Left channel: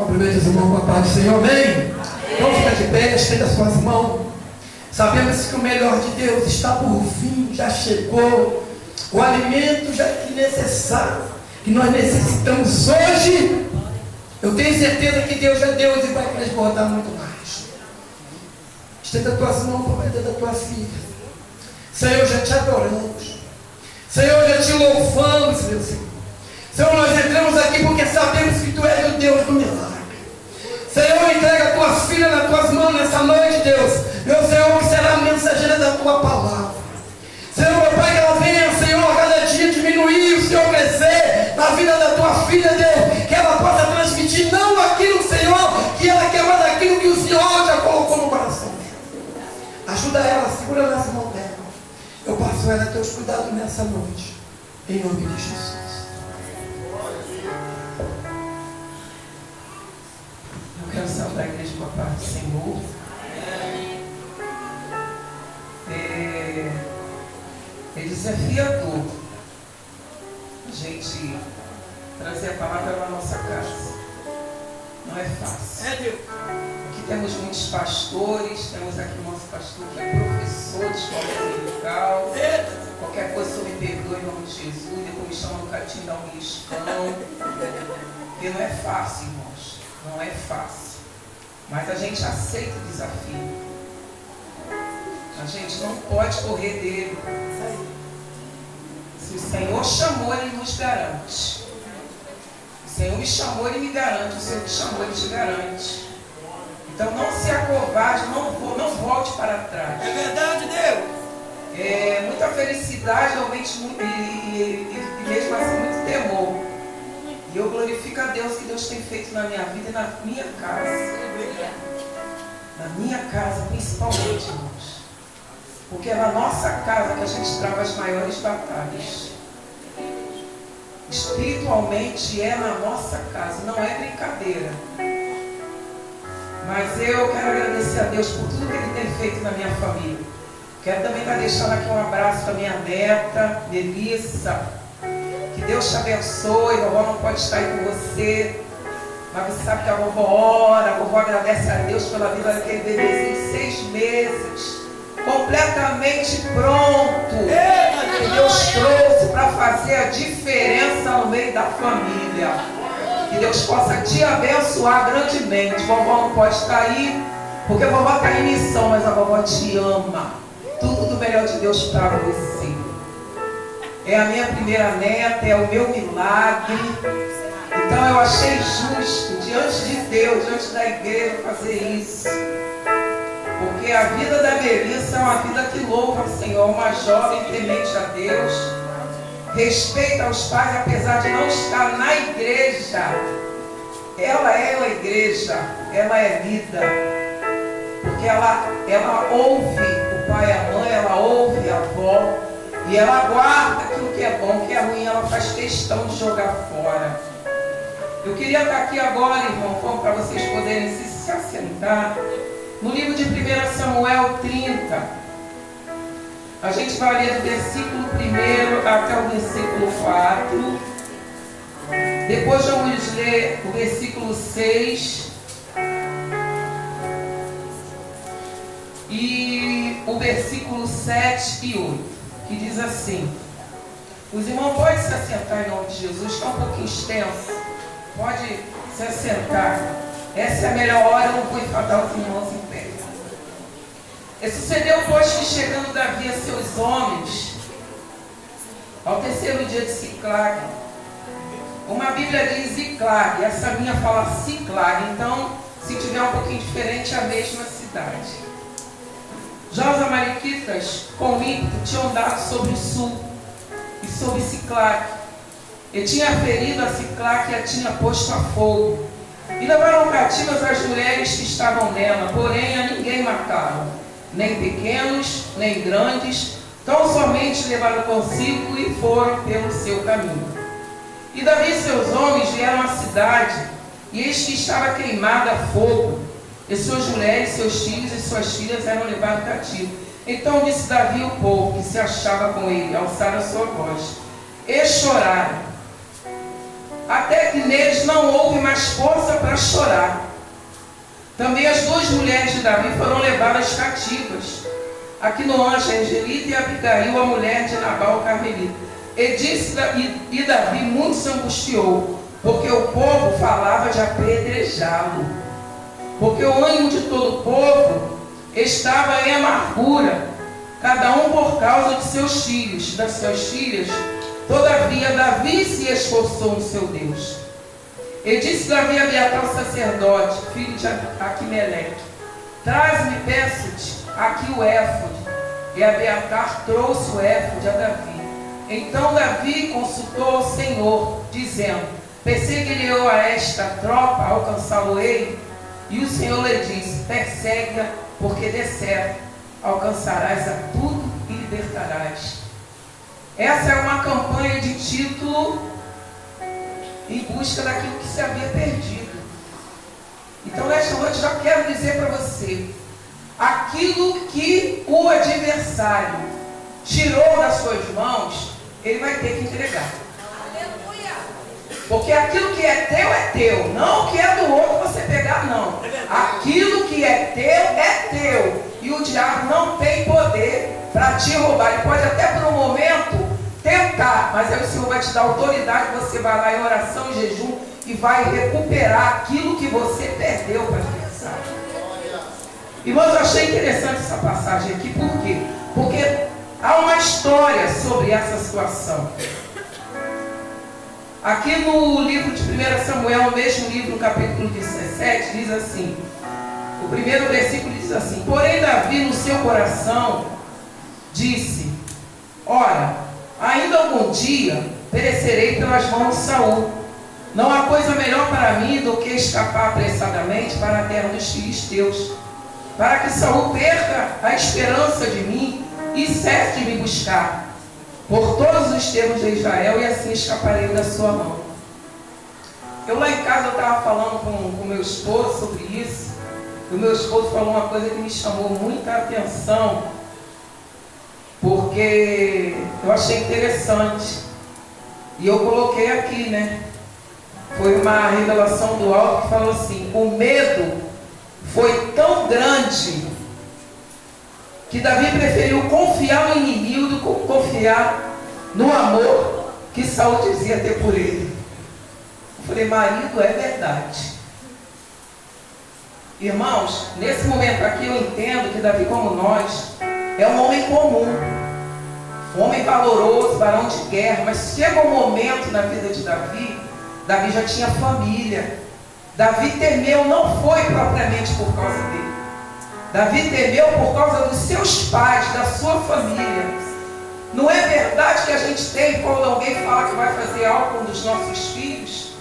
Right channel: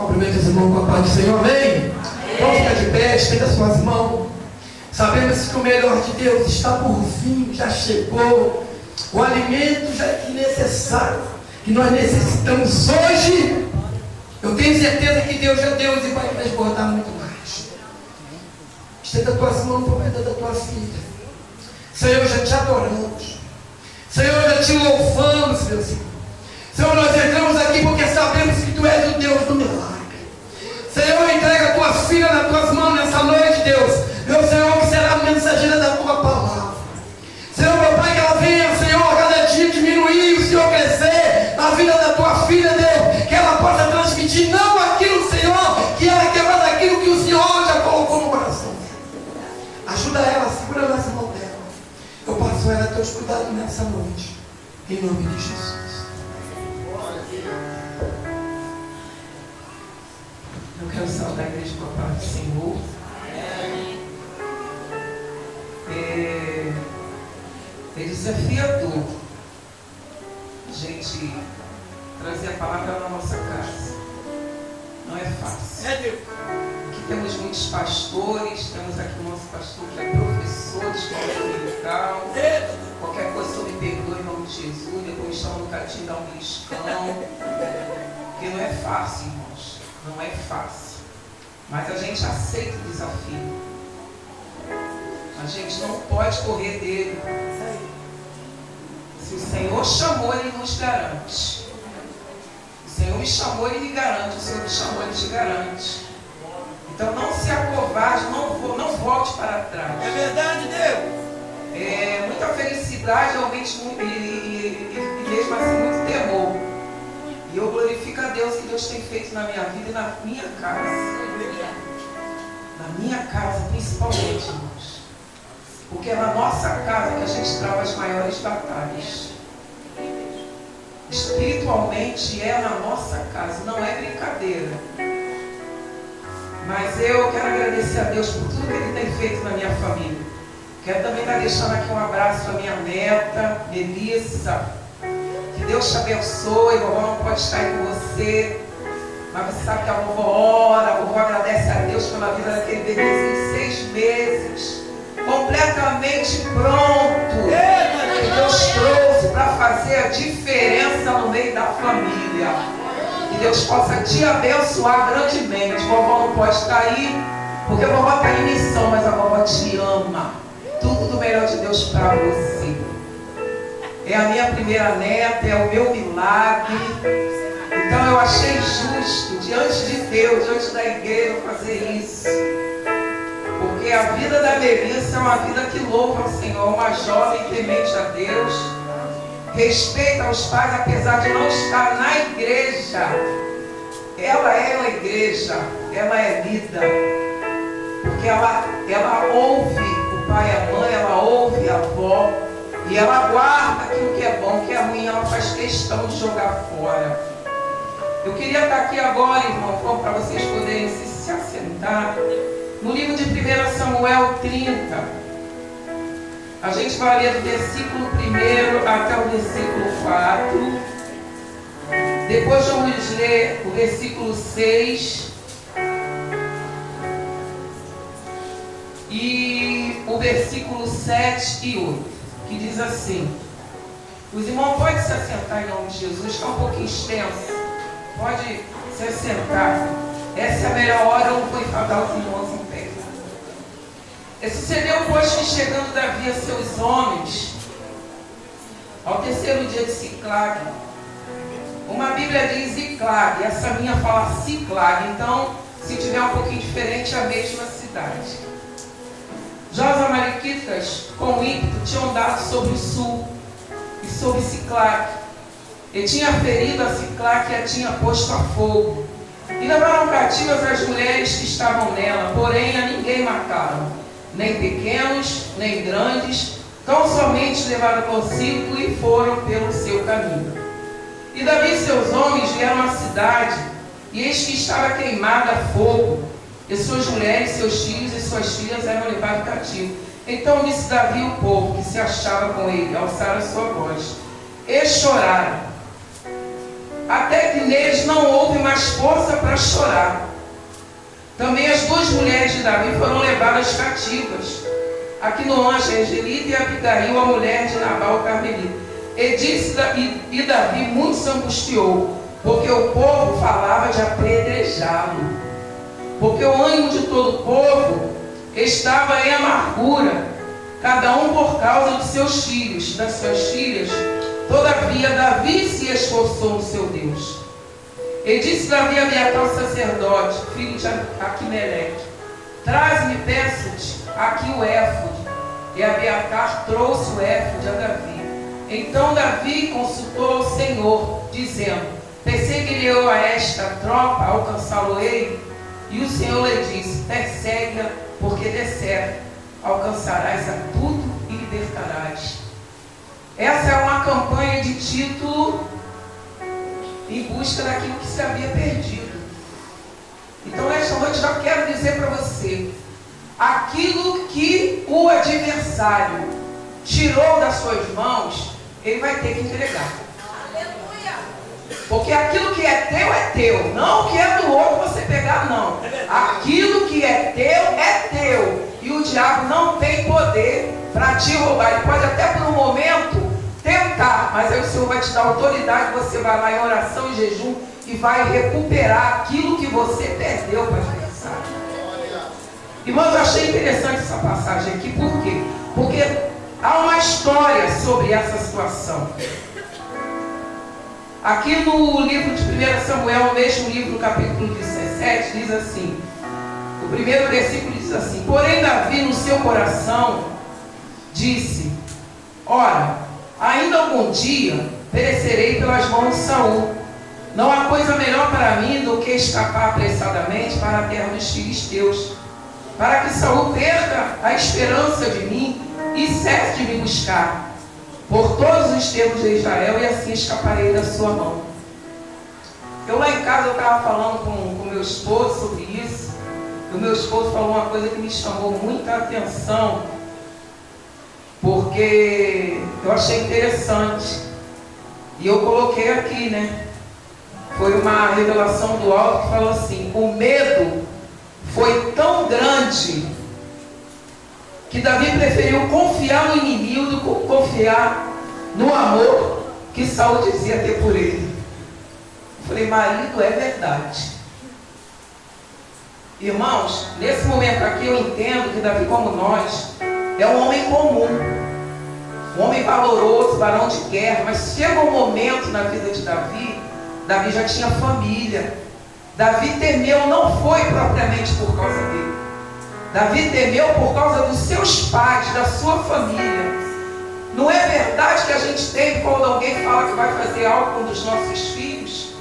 Cumprimento os irmãos com a paz do Senhor, amém? Vamos ficar de pé, estenda as suas mãos. Sabemos que o melhor de Deus está por vir, já chegou. O alimento já é necessário, que nós necessitamos hoje. Eu tenho certeza que Deus é Deus e vai transbordar muito mais. Estenda as tuas mãos para o da tua filha. Senhor, já te adoramos. Senhor, já te louvamos, meu Senhor. Senhor, nós entramos aqui porque sabemos que Tu és o Deus do milagre. Senhor, entrega a Tua filha nas Tuas mãos nessa noite, Deus. Meu Senhor, que será a mensageira da Tua palavra. Senhor, meu Pai, que ela venha, Senhor, a cada dia diminuir, o Senhor crescer na vida da Tua filha, Deus. Que ela possa transmitir não aquilo, Senhor, que ela quer, mas aquilo que o Senhor já colocou no coração. Ajuda ela, segura nessa mão dela. Eu passo ela a Teus cuidados nessa noite. Em nome de Jesus. Eu quero saudar a igreja com a paz do Senhor. É desafiador a gente trazer a palavra na nossa casa. Não é fácil. Aqui temos muitos pastores, temos aqui o nosso pastor que é professor de escola dominical. Qualquer coisa eu me perdoe em nome de Jesus. Depois me chamam no cantinho da um beliscão. Porque não é fácil, irmãos. Não é fácil. Mas a gente aceita o desafio. A gente não pode correr dele. Se o Senhor chamou, Ele nos garante. O Senhor me chamou, Ele me garante. O Senhor me chamou, Ele te garante. Então não se acovarde, não volte para trás. É verdade, Deus. Muita felicidade, realmente, e mesmo assim muito temor. E eu glorifico a Deus que Deus tem feito na minha vida e na minha casa. Na minha casa, principalmente, irmãos. Porque é na nossa casa que a gente trava as maiores batalhas. Espiritualmente é na nossa casa, não é brincadeira. Mas eu quero agradecer a Deus por tudo que Ele tem feito na minha família. Quero também estar deixando aqui um abraço para minha neta, Melissa. Que Deus te abençoe. A vovó não pode estar aí com você, mas você sabe que a vovó ora, a vovó agradece a Deus pela vida daquele bebezinho de 6 meses, completamente pronto, que Deus trouxe para fazer a diferença no meio da família. Que Deus possa te abençoar grandemente. A vovó não pode estar aí, porque a vovó está em missão, mas a vovó te ama. Tudo do melhor de Deus para você. É a minha primeira neta, é o meu milagre. Então eu achei justo, diante de Deus, diante da igreja, fazer isso. Porque a vida da Melissa é uma vida que louva o Senhor, uma jovem temente a Deus, respeita os pais, apesar de não estar na igreja. Ela é a igreja, ela é vida. Porque ela ouve o pai e a mãe, ela ouve a avó. E ela guarda aquilo que é bom, o que é ruim, ela faz questão de jogar fora. Eu queria estar aqui agora, irmão, para vocês poderem se assentar. No livro de 1 Samuel 30, a gente vai ler do versículo 1 até o versículo 4. Depois vamos ler o versículo 6 e o versículo 7 e 8, que diz assim. Os irmãos podem se assentar em nome de Jesus, está um pouquinho extenso. Pode se assentar. Essa é a melhor hora, eu vou enfadar os irmãos em pé. Sucedeu, pois, que chegando Davi a seus homens, ao terceiro dia de Siclag, uma Bíblia diz Ziclag, essa minha fala Siclag, então, se tiver um pouquinho diferente, é a mesma cidade. Já os amalequitas, com ímpeto, tinham dado sobre o sul e sobre Siclag, e tinha ferido a Siclag e a tinha posto a fogo, e levaram cativas as mulheres que estavam nela, porém a ninguém mataram, nem pequenos, nem grandes, tão somente levaram consigo e foram pelo seu caminho. E Davi e seus homens vieram à cidade, e eis que estava queimada a fogo, e suas mulheres, seus filhos e suas filhas eram levados cativos. Então disse Davi ao povo que se achava com ele, alçaram a sua voz, e choraram. até que neles não houve mais força para chorar. Também as duas mulheres de Davi foram levadas cativas, Aquinoã, Angelita, e Abigail, a mulher de Nabal, o Carmelita. E Davi muito se angustiou, porque o povo falava de apedrejá-lo. Porque o ânimo de todo o povo estava em amargura, cada um por causa de seus filhos, das suas filhas. Todavia Davi se esforçou no seu Deus. E disse Davi a Abiatar, o sacerdote, filho de Aquimeleque: traz-me, peço-te, aqui o éfode. E Abiatar trouxe o éfode a Davi. Então Davi consultou ao Senhor, dizendo: perseguirei-eu a esta tropa, alcançá-lo-ei? E o Senhor lhe disse: persegue-a, porque de certo alcançarás a tudo e libertarás. Essa é uma campanha de título em busca daquilo que se havia perdido. Então, nesta noite, já quero dizer para você: aquilo que o adversário tirou das suas mãos, ele vai ter que entregar. Aleluia! Porque aquilo que é teu, não o que é do outro você pegar, não. Aquilo que é teu. E o diabo não tem poder para te roubar. Ele pode até por um momento tentar, mas aí o Senhor vai te dar autoridade, você vai lá em oração e jejum e vai recuperar aquilo que você perdeu para o adversário. Irmãos, eu achei interessante essa passagem aqui, por quê? Porque há uma história sobre essa situação. Aqui no livro de 1 Samuel, mesmo livro, no capítulo 17, diz assim, o primeiro versículo diz assim: porém Davi no seu coração disse: ora, ainda algum dia perecerei pelas mãos de Saul. Não há coisa melhor para mim do que escapar apressadamente para a terra dos filisteus, para que Saul perca a esperança de mim e cesse de me buscar por todos os termos de Israel, e assim escaparei da sua mão. Eu lá em casa estava falando com meu esposo sobre isso, e o meu esposo falou uma coisa que me chamou muita atenção, porque eu achei interessante, e eu coloquei aqui, né? Foi uma revelação do alto que falou assim: o medo foi tão grande que Davi preferiu confiar no inimigo do que confiar no amor que Saul dizia ter por ele. Eu falei: marido, é verdade. Irmãos, nesse momento aqui eu entendo que Davi, como nós, é um homem comum, um homem valoroso, varão de guerra, mas chega um momento na vida de Davi, Davi já tinha família. Davi temeu não foi propriamente por causa dele. Davi temeu por causa dos seus pais, da sua família. Não é verdade que a gente tem quando alguém fala que vai fazer algo com um dos nossos filhos?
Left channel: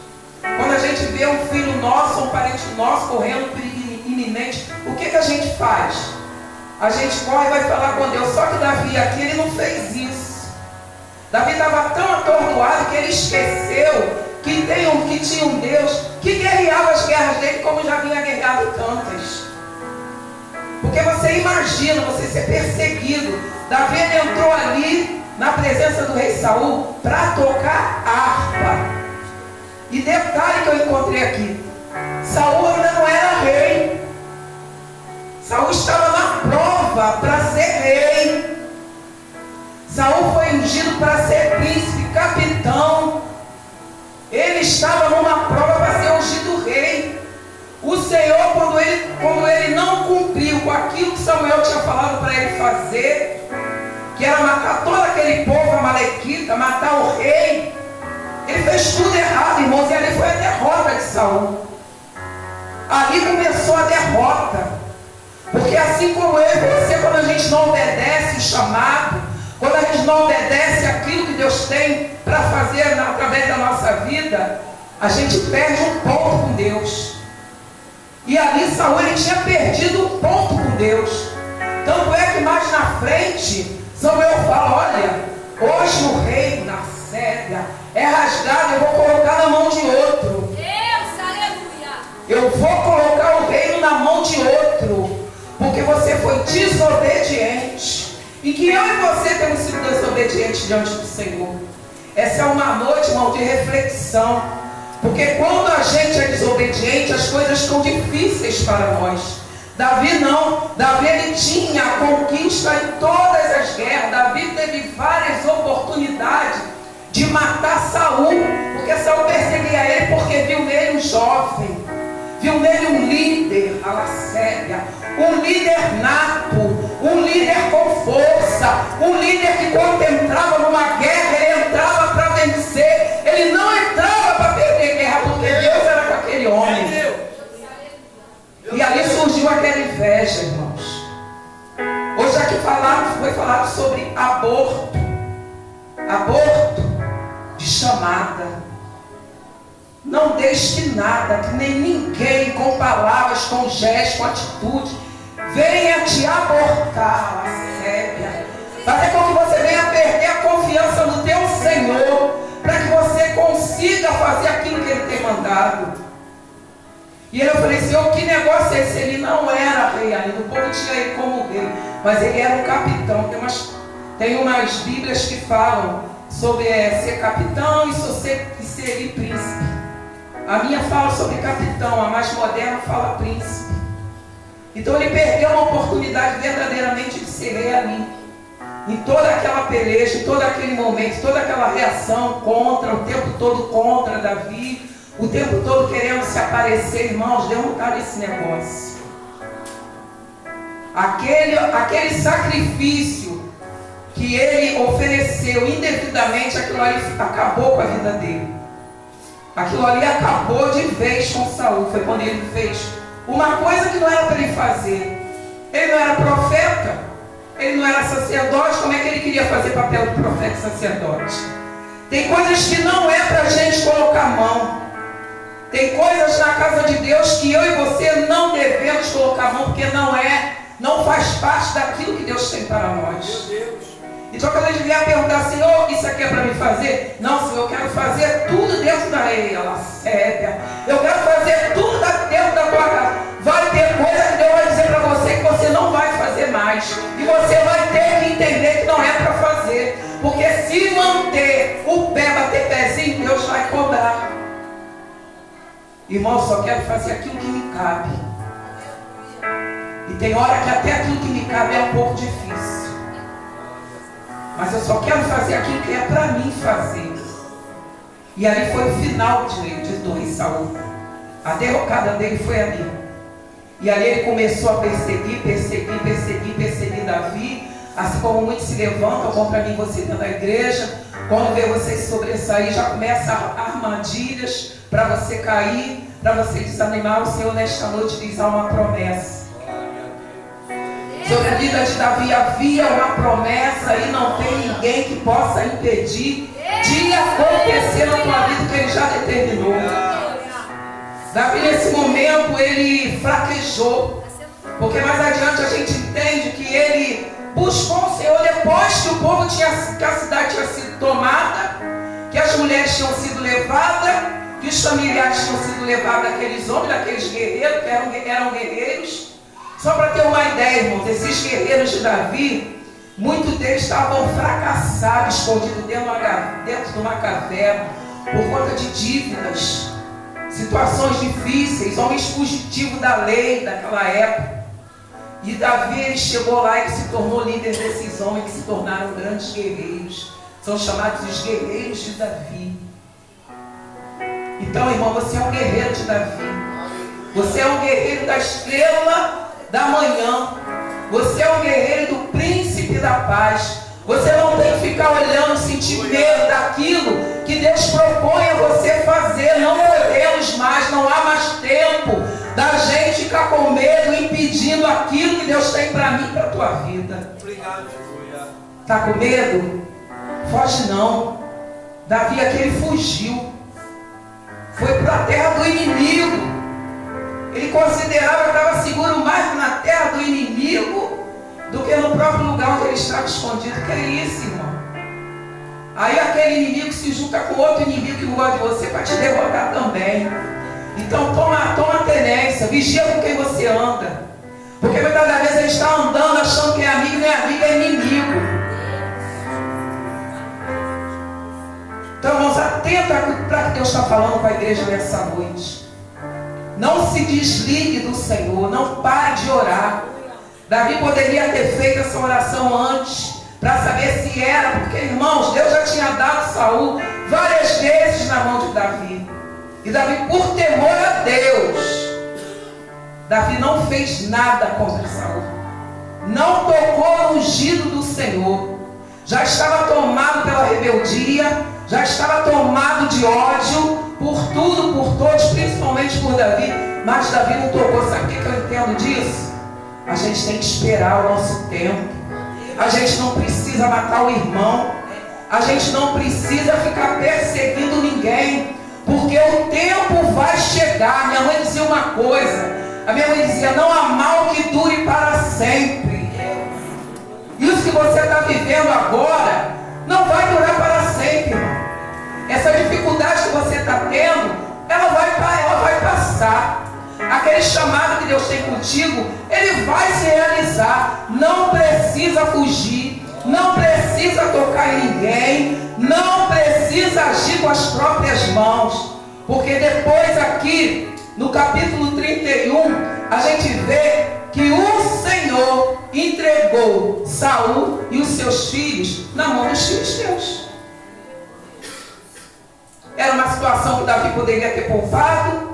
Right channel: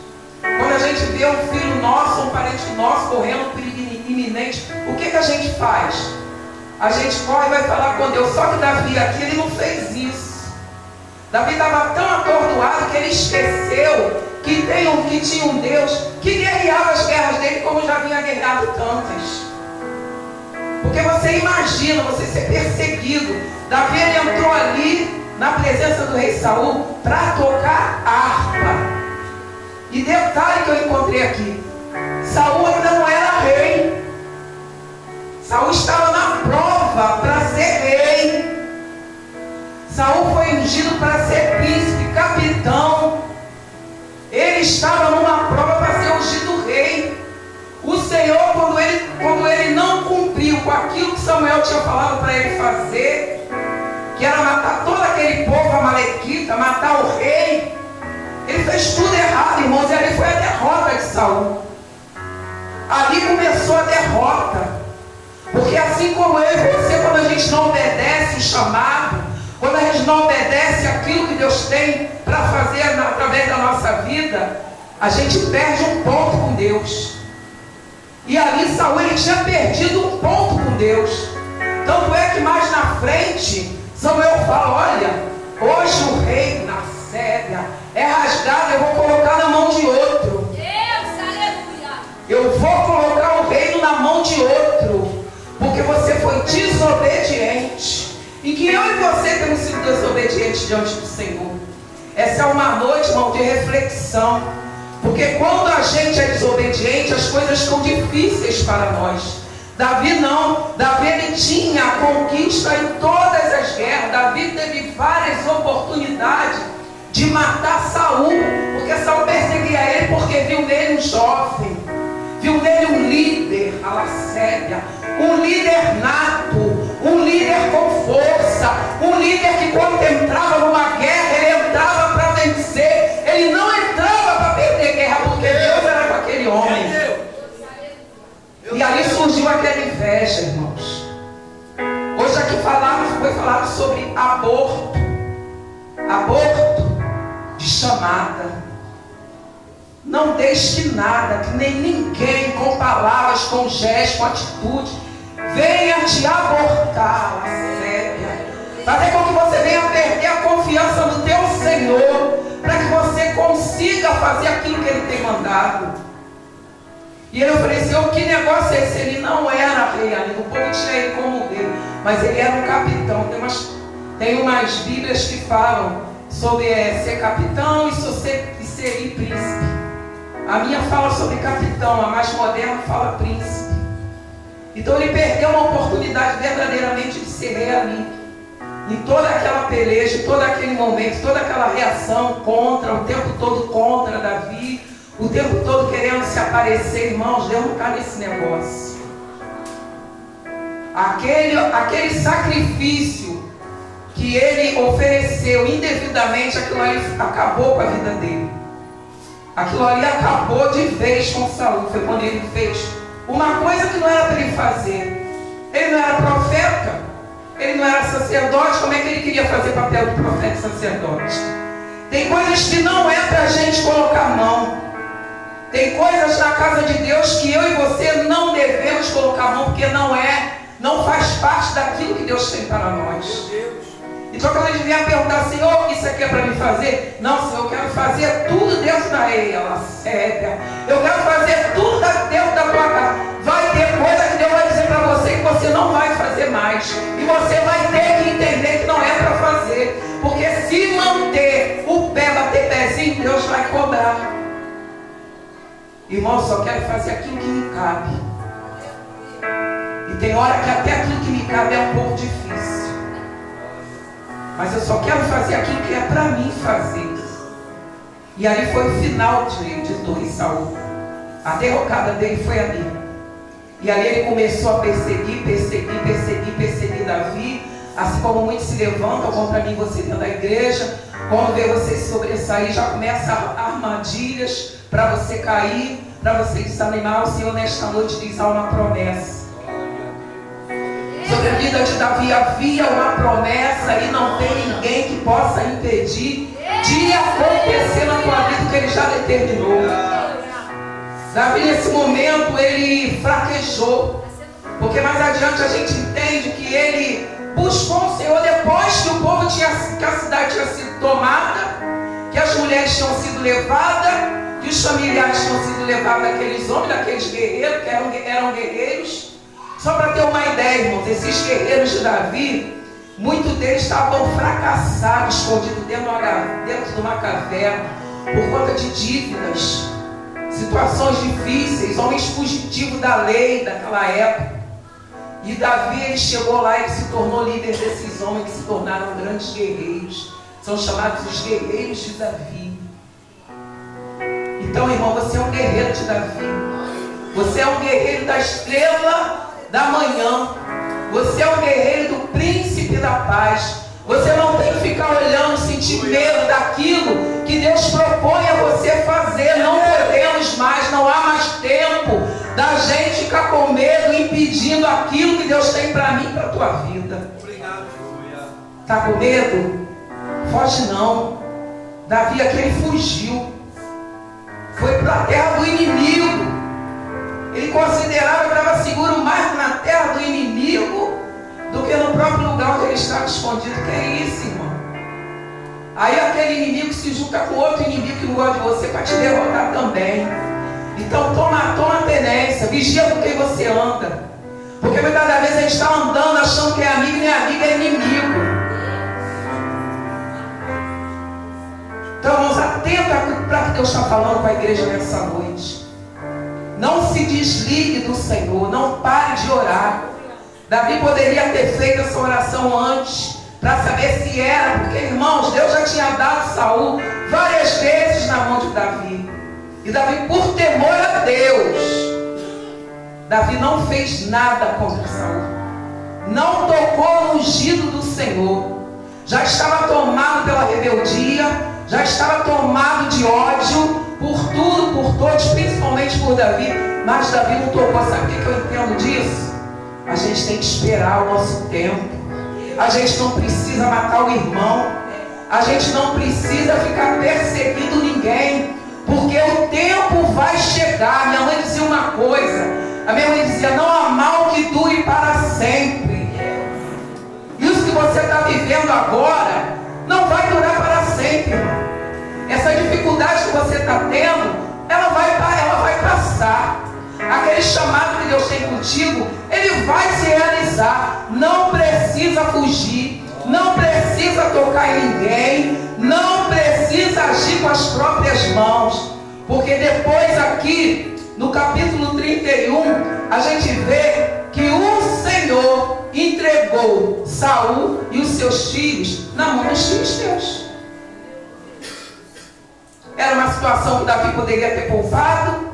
Quando a gente vê um filho nosso, um parente nosso correndo perigo iminente, o que a gente faz? A gente corre e vai falar com Deus. Só que Davi aqui, ele não fez isso. Davi estava tão atordoado que ele esqueceu que tinha um Deus que guerreava as guerras dele como já vinha guerreado tantas. Porque você imagina você ser perseguido. Davi, ele entrou ali na presença do rei Saul para tocar harpa. E detalhe que eu encontrei aqui: Saul ainda não era rei. Saul estava na prova para ser rei. Saul foi ungido para ser príncipe, capitão. Ele estava numa prova para ser ungido rei. O Senhor, quando ele não cumpriu com aquilo que Samuel tinha falado para ele fazer, que era matar todo aquele povo amalequita, matar o rei, ele fez tudo errado, irmãos, e ali foi a derrota de Saul. Ali começou a derrota. Porque assim como eu e você, quando a gente não obedece o chamado, quando a gente não obedece aquilo que Deus tem para fazer através da nossa vida, a gente perde um ponto com Deus. E ali Saul, ele tinha perdido um ponto com Deus. Tanto é que mais na frente, Samuel fala: olha, hoje o rei na Séria é rasgado, eu vou colocar na mão de outro. Deus, aleluia! Eu vou colocar o reino na mão de outro, porque você foi desobediente. E que eu e você temos sido desobedientes diante do Senhor. Essa é uma noite, irmão, de reflexão. Porque quando a gente é desobediente, as coisas ficam difíceis para nós. Davi não. Davi ele tinha a conquista em todas as guerras. Davi teve várias oportunidades de matar Saul, porque Saul perseguia ele porque viu nele um jovem, viu nele um líder, Alacélia, um líder nato, um líder com força, um líder que quando entrava numa guerra, ele entrava para vencer, ele não entrava para perder guerra, porque Deus era com aquele homem. E ali surgiu aquela inveja, irmãos. Hoje aqui foi falado sobre aborto de chamada. Não deixe que nada, que nem ninguém, com palavras, com gestos, com atitude, venha te abortar, Alacélia. Fazer com que você venha perder a confiança no teu Senhor, para que você consiga fazer aquilo que Ele tem mandado. E eu falei, Senhor, que negócio é esse? Ele não era rei ainda, o povo tinha ele como rei, mas ele era um capitão. Tem umas bíblias que falam sobre ser capitão e ser príncipe. A minha fala sobre capitão, a mais moderna fala príncipe. Então ele perdeu uma oportunidade verdadeiramente de ser rei ali. Em toda aquela peleja, todo aquele momento, toda aquela reação contra, o tempo todo contra Davi, o tempo todo querendo se aparecer, irmãos, Deus não está nesse negócio. Aquele sacrifício que ele ofereceu indevidamente, aquilo ali acabou com a vida dele. Aquilo ali acabou de vez com Saul. Foi quando ele fez uma coisa que não era para ele fazer. Ele não era profeta, ele não era sacerdote. Como é que ele queria fazer papel de profeta e sacerdote? Tem coisas que não é para a gente colocar a mão. Tem coisas na casa de Deus que eu e você não devemos colocar a mão, porque não faz parte daquilo que Deus tem para nós. Então quando a gente vier perguntar, Senhor, isso aqui é para me fazer? Não, Senhor, eu quero fazer tudo dentro da lei, Alacélia. Eu quero fazer tudo dentro da tua casa. Vai ter coisa que Deus vai dizer para você que você não vai fazer mais. E você vai ter que entender que não é para fazer. Porque se não ter o pé, bater pezinho, Deus vai cobrar. Irmão, eu só quero fazer aquilo que me cabe. E tem hora que até aquilo que me cabe é um pouco difícil. Mas eu só quero fazer aquilo que é para mim fazer. E ali foi o final do rei Saul. A derrocada dele foi ali. E ali ele começou a perseguir Davi. Assim como muitos se levantam contra mim, você dentro da igreja. Quando vê você se sobressair, já começa armadilhas para você cair, para você desanimar. O Senhor nesta noite diz: há uma promessa. Sobre a vida de Davi havia uma promessa e não tem ninguém que possa impedir de acontecer na tua vida que ele já determinou. Davi nesse momento ele fraquejou, porque mais adiante a gente entende que ele buscou o Senhor depois que o povo que a cidade tinha sido tomada, que as mulheres tinham sido levadas, que os familiares tinham sido levados daqueles homens, daqueles guerreiros que eram guerreiros. Só para ter uma ideia, irmãos, esses guerreiros de Davi, muitos deles estavam fracassados, escondidos dentro de uma caverna, por conta de dívidas, situações difíceis, homens fugitivos da lei daquela época. E Davi, ele chegou lá e se tornou líder desses homens que se tornaram grandes guerreiros. São chamados os guerreiros de Davi. Então, irmão, você é um guerreiro de Davi. Você é um guerreiro da estrela da manhã. Você é um guerreiro do príncipe da paz. Você não tem que ficar olhando, sentir medo daquilo que Deus propõe a você fazer. Não podemos mais, não há mais tempo da gente ficar com medo, impedindo aquilo que Deus tem para mim e para a tua vida. Está com medo? Foge não. Davi aqui, ele fugiu. Foi para a terra do inimigo. Ele considerava que estava seguro mais na terra do inimigo do que no próprio lugar onde ele estava escondido. Que é isso, irmão? Aí aquele inimigo se junta com outro inimigo que não gosta de você para te derrotar também. Então toma tenência, vigia com quem você anda. Porque muitas das vezes a gente está andando achando que é amigo, nem amigo, é inimigo. Então, irmãos, atento para o que Deus está falando com a igreja nessa noite. Não se desligue do Senhor, não pare de orar. Davi poderia ter feito essa oração antes, para saber se era, porque, irmãos, Deus já tinha dado Saul várias vezes na mão de Davi. E Davi, por temor a Deus, Davi não fez nada contra Saul. Não tocou no ungido do Senhor. Já estava tomado pela rebeldia, já estava tomado de ódio por tudo, por todos, principalmente por Davi. Mas Davi não tocou. Sabe o que eu entendo disso? A gente tem que esperar o nosso tempo. A gente não precisa matar o irmão. A gente não precisa ficar perseguindo ninguém, porque o tempo vai chegar. Minha mãe dizia uma coisa. A minha mãe dizia: não há mal que dure para sempre. Isso que você está vivendo agora não vai durar para sempre, irmão. Essa dificuldade que você está tendo, ela vai passar. Aquele chamado que Deus tem contigo, ele vai se realizar. Não precisa fugir, não precisa tocar em ninguém, não precisa agir com as próprias mãos, porque depois aqui no capítulo 31 a gente vê que o Senhor entregou Saul e os seus filhos na mão dos filisteus. Era uma situação que Davi poderia ter poupado.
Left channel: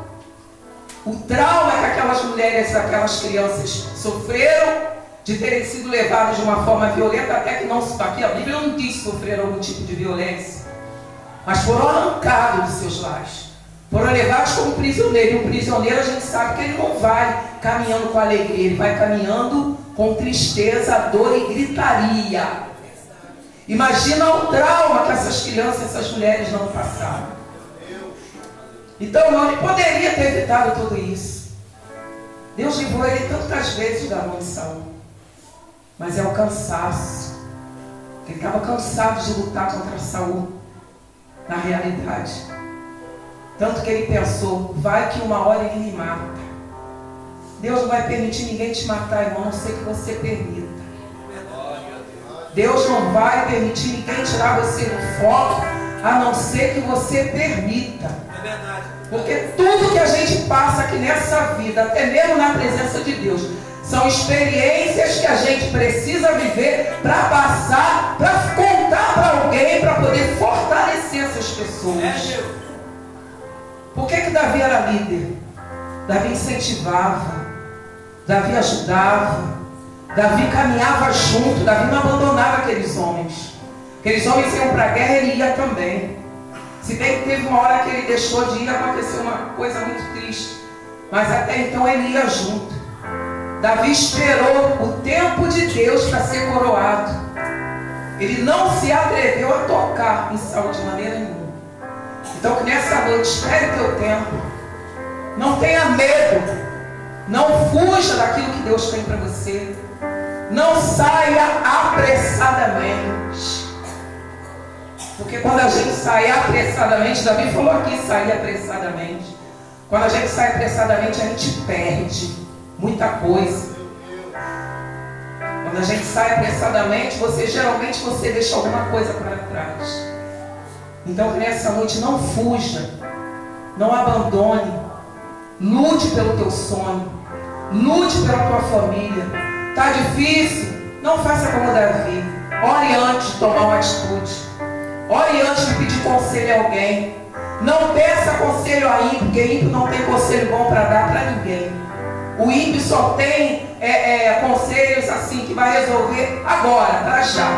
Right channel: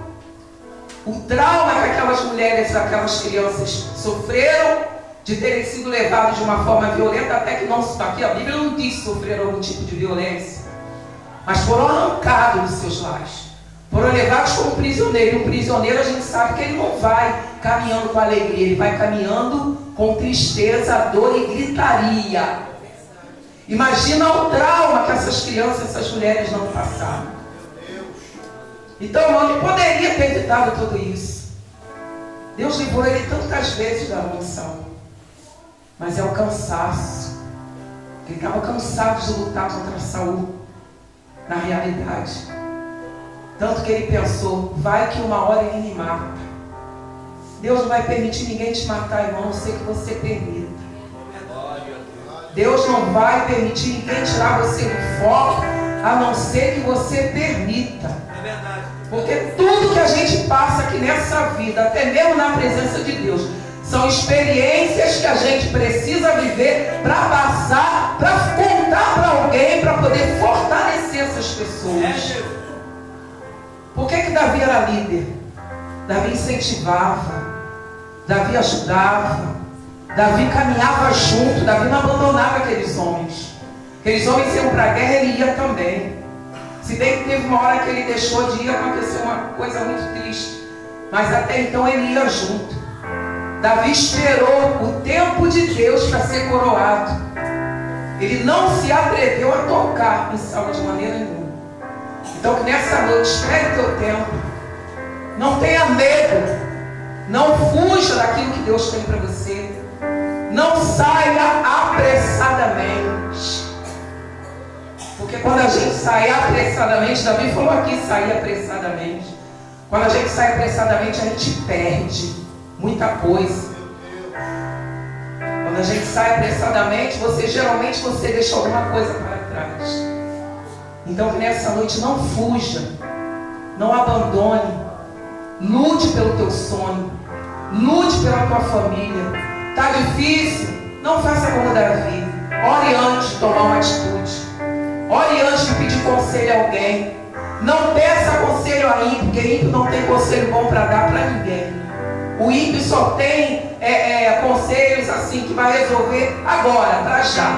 O trauma que aquelas mulheres, aquelas crianças sofreram de terem sido levadas de uma forma violenta, até que não se aqui a Bíblia não diz que sofreram algum tipo de violência, mas foram arrancados dos seus lares, foram levados como prisioneiro. Um prisioneiro, a gente sabe que ele não vai caminhando com alegria, ele vai caminhando com tristeza, dor e gritaria. Imagina o trauma que essas crianças, essas mulheres não passaram. Então, ele poderia ter evitado tudo isso. Deus livrou ele tantas vezes da mão de Saul, mas é o cansaço. Ele estava cansado de lutar contra Saul, na realidade. Tanto que ele pensou: vai que uma hora ele me mata. Deus não vai permitir ninguém te matar, irmão, a não ser que você permita. Deus não vai permitir ninguém tirar você do foco, a não ser que você permita. Porque tudo que a gente passa aqui nessa vida, até mesmo na presença de Deus, são experiências que a gente precisa viver para passar, para contar para alguém, para poder fortalecer essas pessoas. Por que Davi era líder? Davi incentivava, Davi ajudava, Davi caminhava junto, Davi não abandonava aqueles homens. Aqueles homens iam para a guerra, ele ia também. Se bem que teve uma hora que ele deixou de ir, aconteceu uma coisa muito triste. Mas até então ele ia junto. Davi esperou o tempo de Deus para ser coroado. Ele não se atreveu a tocar em Saul de maneira nenhuma. Então que nessa noite, espere o teu tempo. Não tenha medo. Não fuja daquilo que Deus tem para você. Não saia apressadamente. Porque quando a gente sai apressadamente, Davi falou aqui, sair apressadamente. Quando a gente sai apressadamente, a gente perde muita coisa. Quando a gente sai apressadamente, geralmente você deixa alguma coisa para trás. Então que nessa noite não fuja, não abandone, lute pelo teu sonho, lute pela tua família. Está difícil? Não faça como Davi. Ore antes de tomar uma atitude. Ore antes de pedir conselho a alguém. Não peça conselho a ímpio, porque ímpio não tem conselho bom para dar para ninguém. O ímpio só tem conselhos assim que vai resolver agora, para já.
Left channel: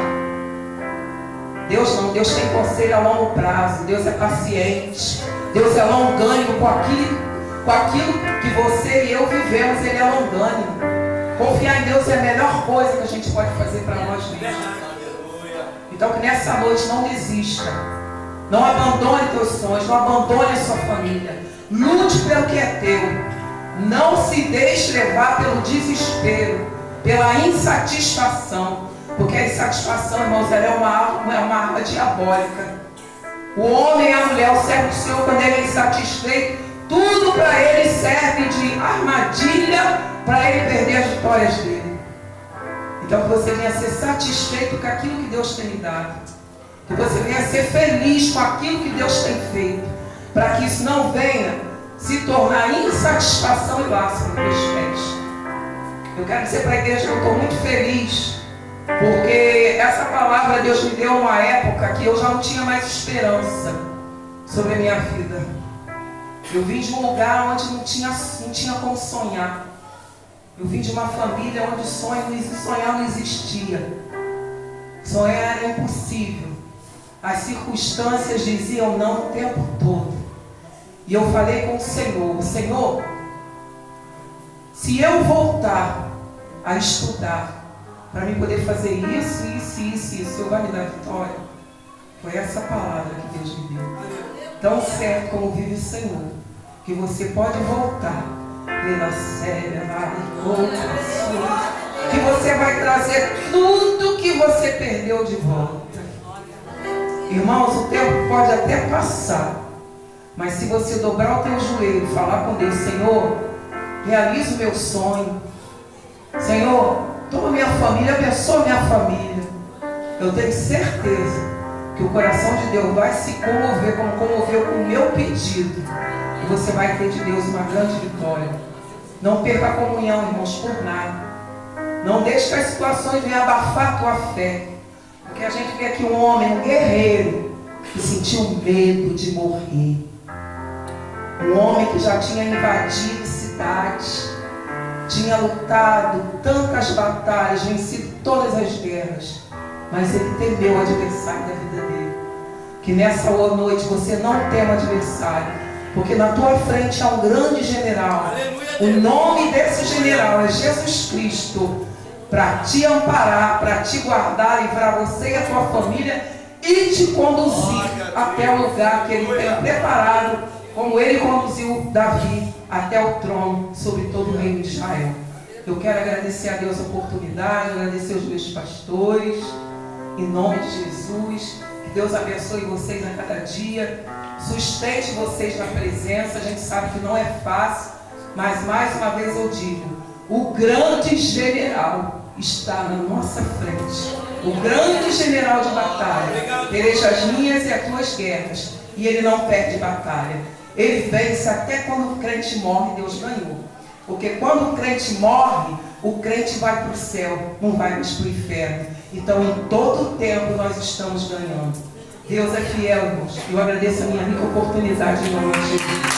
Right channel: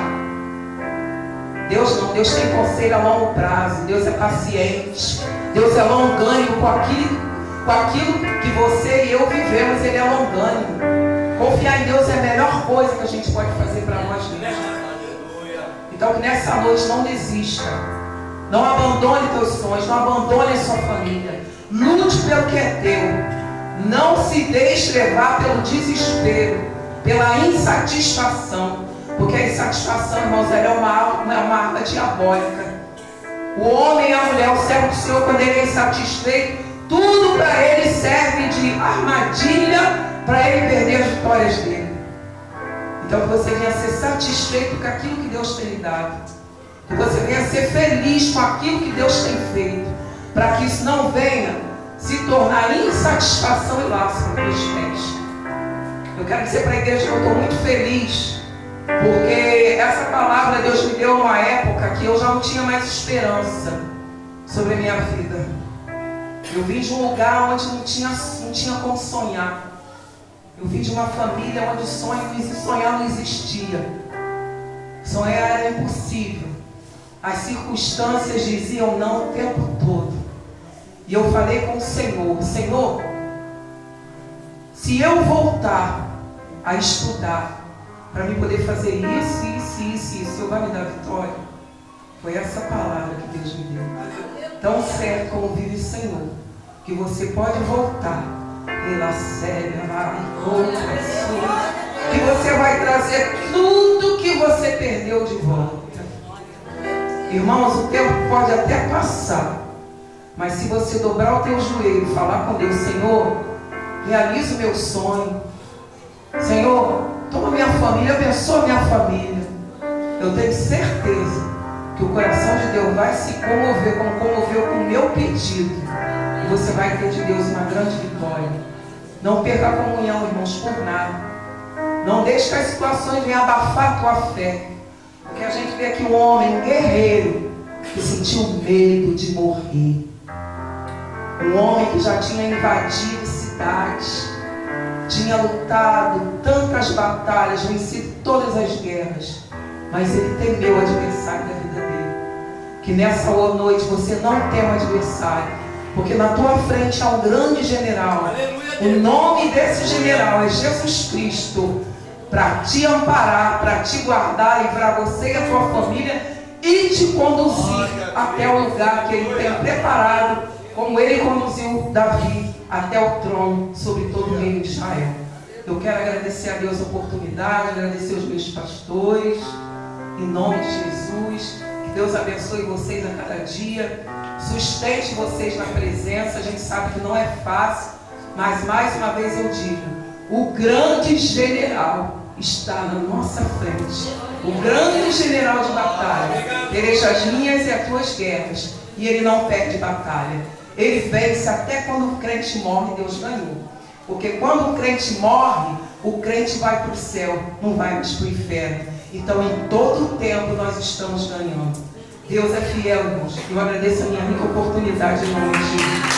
Deus não, Deus tem conselho a longo prazo. Deus é paciente. Deus é longânimo com aquilo que você e eu vivemos. Ele é longânimo. Confiar em Deus é a melhor coisa que a gente pode fazer para nós mesmos. Então que nessa noite não desista. Não abandone teus sonhos, não abandone a sua família. Lute pelo que é teu. Não se deixe levar pelo desespero, pela insatisfação. Porque a insatisfação, irmãos, ela é uma arma diabólica. O homem e a mulher, o servo do Senhor, quando ele é insatisfeito, tudo para ele serve de armadilha para ele perder as vitórias dele. Então que você venha ser satisfeito com aquilo que Deus tem lhe dado. Que você venha ser feliz com aquilo que Deus tem feito, para que isso não venha se tornar insatisfação e laço nos meus pés. Eu quero dizer para a igreja que eu estou muito feliz, porque essa palavra Deus me deu numa época que eu já não tinha mais esperança sobre a minha vida. Eu vim de um lugar onde não tinha como sonhar. Eu vim de uma família onde sonhar não existia. Sonhar era impossível. As circunstâncias diziam não o tempo todo. E eu falei com o Senhor: Senhor, se eu voltar a estudar para mim poder fazer isso, o Senhor vai me dar vitória. Foi essa palavra que Deus me deu. Tão certo como vive o Senhor, que você pode voltar pela séria, que você vai trazer tudo que você perdeu de volta. Irmãos, o tempo pode até passar, mas se você dobrar o teu joelho e falar com Deus: Senhor, realiza o meu sonho. Senhor, toma minha família, abençoa minha família. Eu tenho certeza que o coração de Deus vai se comover, como comoveu com o meu pedido. E você vai ter de Deus uma grande vitória. Não perca a comunhão, irmãos, por nada. Não deixe que as situações venham abafar a tua fé. Porque a gente vê aqui um homem, um guerreiro, que sentiu medo de morrer. Um homem que já tinha invadido cidades, tinha lutado tantas batalhas, vencido todas as guerras, mas ele temeu o adversário da vida dele. Que nessa noite você não tema adversário, porque na tua frente há um grande general. O nome desse general é Jesus Cristo, para te amparar, para te guardar, livrar você e a tua família e te conduzir até o lugar que ele tem preparado, como ele conduziu Davi até o trono sobre todo o reino de Israel. Eu quero agradecer a Deus a oportunidade, agradecer os meus pastores, em nome de Jesus. Que Deus abençoe vocês a cada dia, sustente vocês na presença. A gente sabe que não é fácil, mas mais uma vez eu digo: o grande general está na nossa frente. O grande general de batalha peleja as minhas e as tuas guerras, e ele não perde batalha. Ele vence até quando o crente morre. Deus ganhou. Porque quando o crente morre, o crente vai para o céu, não vai mais para o inferno. Então, em todo o tempo, nós estamos ganhando. Deus é fiel, irmãos. Eu agradeço a minha rica oportunidade em nome de Jesus.